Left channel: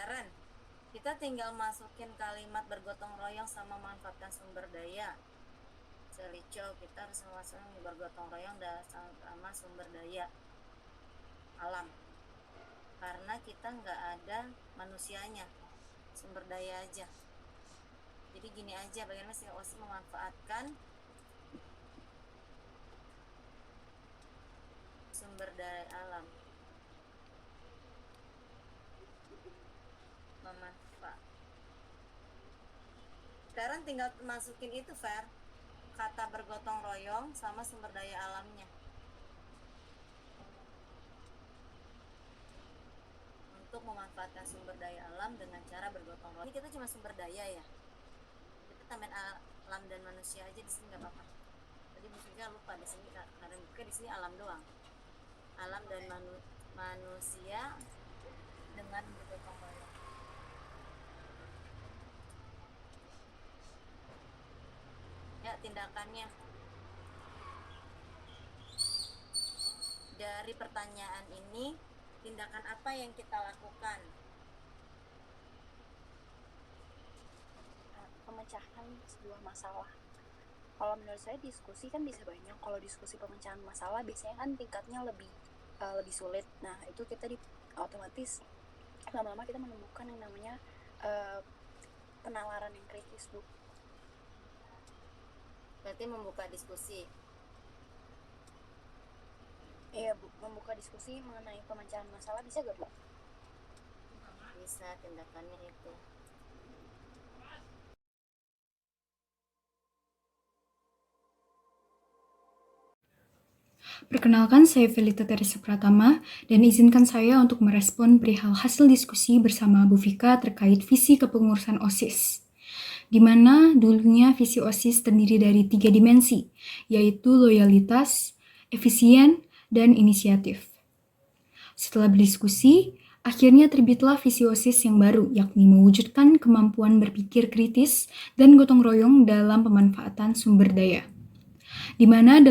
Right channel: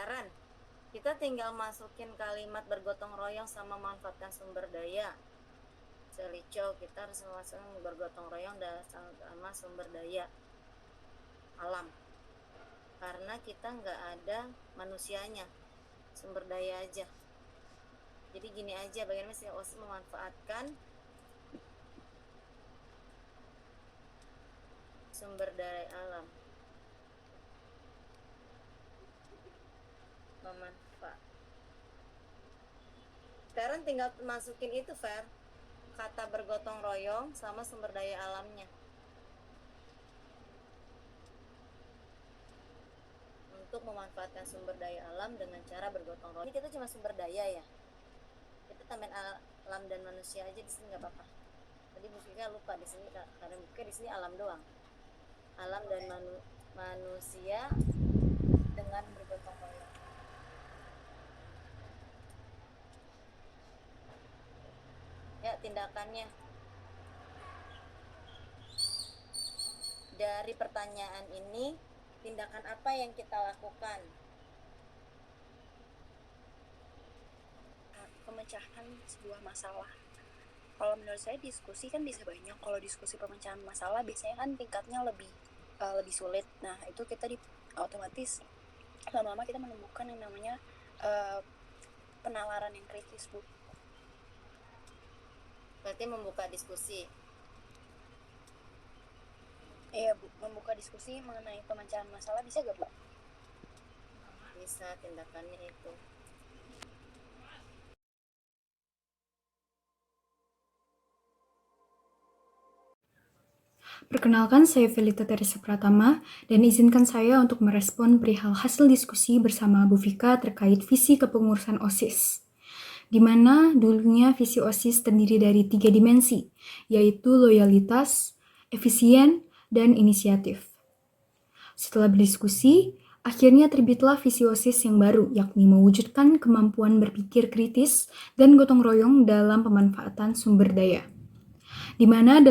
Feren, kita tinggal masukin kalimat bergotong royong sama manfaatkan sumber daya. Selico, kita harus memasukkan bergotong royong dan sama sumber daya alam. Karena kita nggak ada manusianya, sumber daya aja. Jadi gini aja, bagaimana si OSIS memanfaatkan sumber daya alam. Sekarang tinggal masukin itu, Fer, kata bergotong royong sama sumber daya alamnya. Untuk memanfaatkan sumber daya alam dengan cara bergotong royong. Ini kita cuma sumber daya ya. Itu tambahin alam dan manusia aja di sini nggak apa-apa. Jadi musiknya lupa di sini karena di sini alam doang. Alam dan manusia dengan bergotong royong. Ya, tindakannya dari pertanyaan ini, tindakan apa yang kita lakukan? Pemecahan sebuah masalah. Kalau menurut saya diskusi kan bisa banyak. Kalau diskusi pemecahan masalah biasanya kan tingkatnya lebih sulit. Nah itu kita otomatis lama-lama kita menemukan yang namanya penalaran yang kritis, Bu. Berarti membuka diskusi. Iya, Bu, membuka diskusi mengenai pemecahan masalah bisa gak, Bu? Bisa, tindakannya itu. Perkenalkan, saya Felita Teresa Pratama, dan izinkan saya untuk merespon perihal hasil diskusi bersama Bu Vika terkait visi kepengurusan OSIS, di mana dulunya visi OSIS terdiri dari 3 dimensi, yaitu loyalitas, efisien, dan inisiatif. Setelah berdiskusi, akhirnya terbitlah visi OSIS yang baru, yakni mewujudkan kemampuan berpikir kritis dan gotong royong dalam pemanfaatan sumber daya, di mana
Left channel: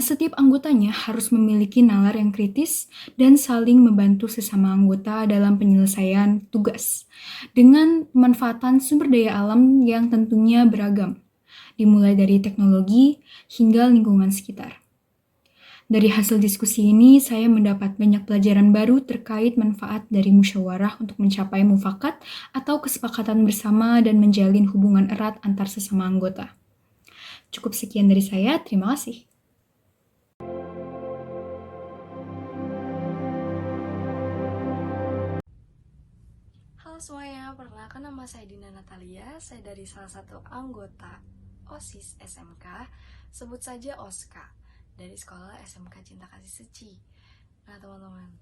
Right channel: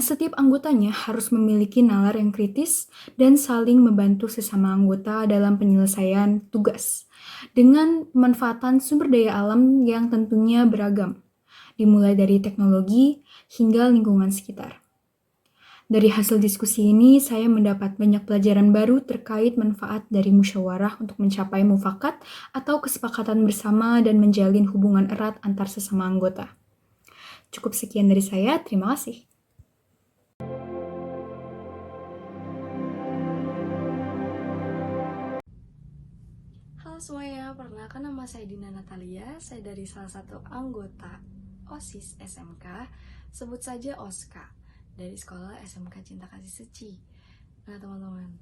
setiap anggotanya harus memiliki nalar yang kritis dan saling membantu sesama anggota dalam penyelesaian tugas dengan pemanfaatan sumber daya alam yang tentunya beragam, dimulai dari teknologi hingga lingkungan sekitar. Dari hasil diskusi ini, saya mendapat banyak pelajaran baru terkait manfaat dari musyawarah untuk mencapai mufakat atau kesepakatan bersama dan menjalin hubungan erat antar sesama anggota. Cukup sekian dari saya, terima kasih. Halo semuanya, perkenalkan nama saya Dina Natalia. Saya dari salah satu anggota OSIS SMK, sebut saja OSKA, dari sekolah SMK Cinta Kasih Suci. Nah teman-teman,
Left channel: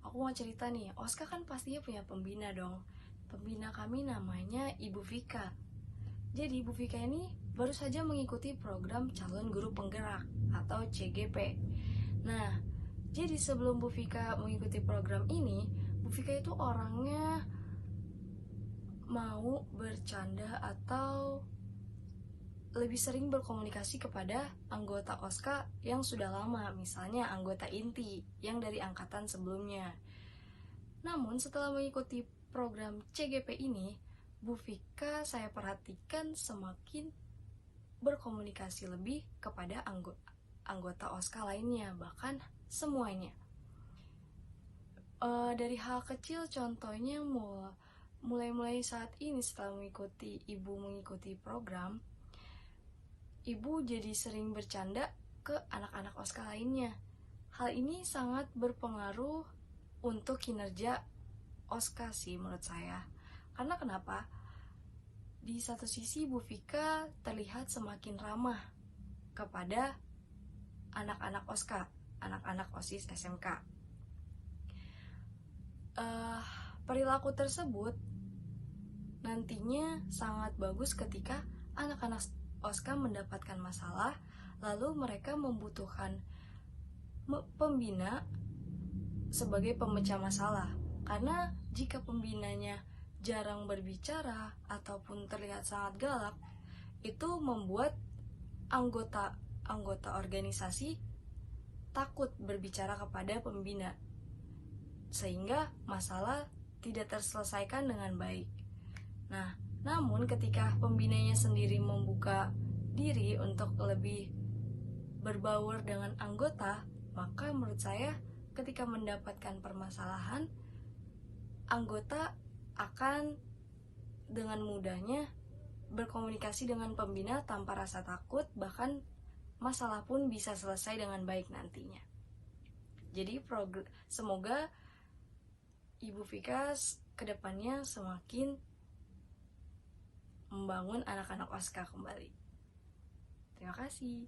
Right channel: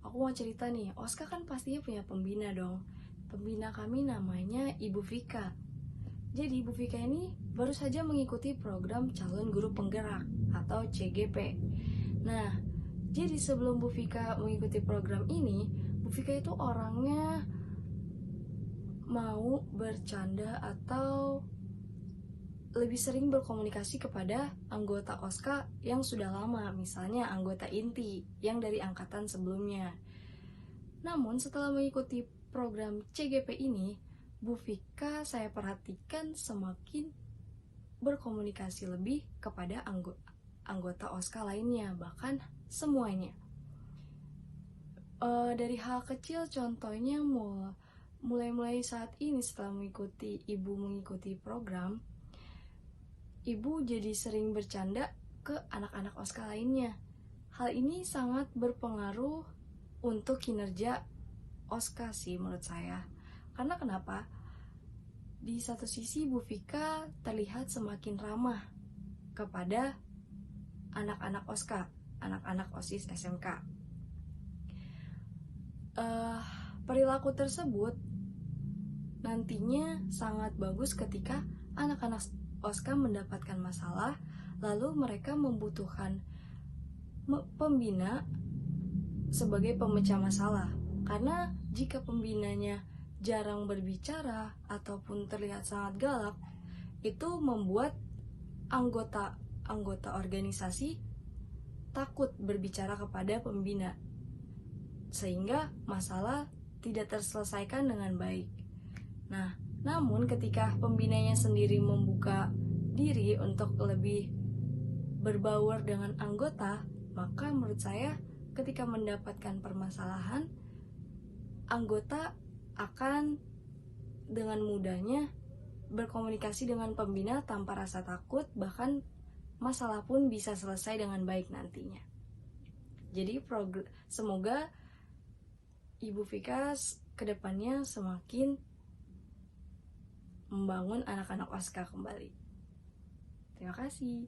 aku mau cerita nih, OSKA kan pastinya punya pembina dong. Pembina kami namanya Ibu Vika. Jadi Ibu Vika ini baru saja mengikuti program calon guru penggerak atau CGP. Nah, jadi sebelum Bu Vika mengikuti program ini, Bu Vika itu orangnya mau bercanda atau lebih sering berkomunikasi kepada anggota OSKA yang sudah lama, misalnya anggota inti yang dari angkatan sebelumnya. Namun setelah mengikuti program CGP ini, Bu Vika saya perhatikan semakin berkomunikasi lebih kepada anggota OSKA lainnya, bahkan semuanya. Dari hal kecil, contohnya mulai saat ini setelah Ibu mengikuti program, Ibu jadi sering bercanda ke anak-anak OSKA lainnya. Hal ini sangat berpengaruh untuk kinerja OSKA sih menurut saya. Karena kenapa? Di satu sisi Bu Vika terlihat semakin ramah kepada anak-anak OSKA, anak-anak OSIS SMK. Perilaku tersebut nantinya sangat bagus ketika anak-anak OSKA mendapatkan masalah, lalu mereka membutuhkan pembina sebagai pemecah masalah. Karena jika pembinanya jarang berbicara ataupun terlihat sangat galak, itu membuat anggota organisasi takut berbicara kepada pembina, sehingga masalah tidak terselesaikan dengan baik. Nah, namun ketika pembinanya sendiri membuka diri untuk lebih berbaur dengan anggota, maka menurut saya ketika mendapatkan permasalahan, anggota akan dengan mudahnya berkomunikasi dengan pembina tanpa rasa takut, bahkan masalah pun bisa selesai dengan baik nantinya. Jadi semoga Ibu Vika kedepannya semakin membangun anak-anak OSKA kembali. Terima kasih.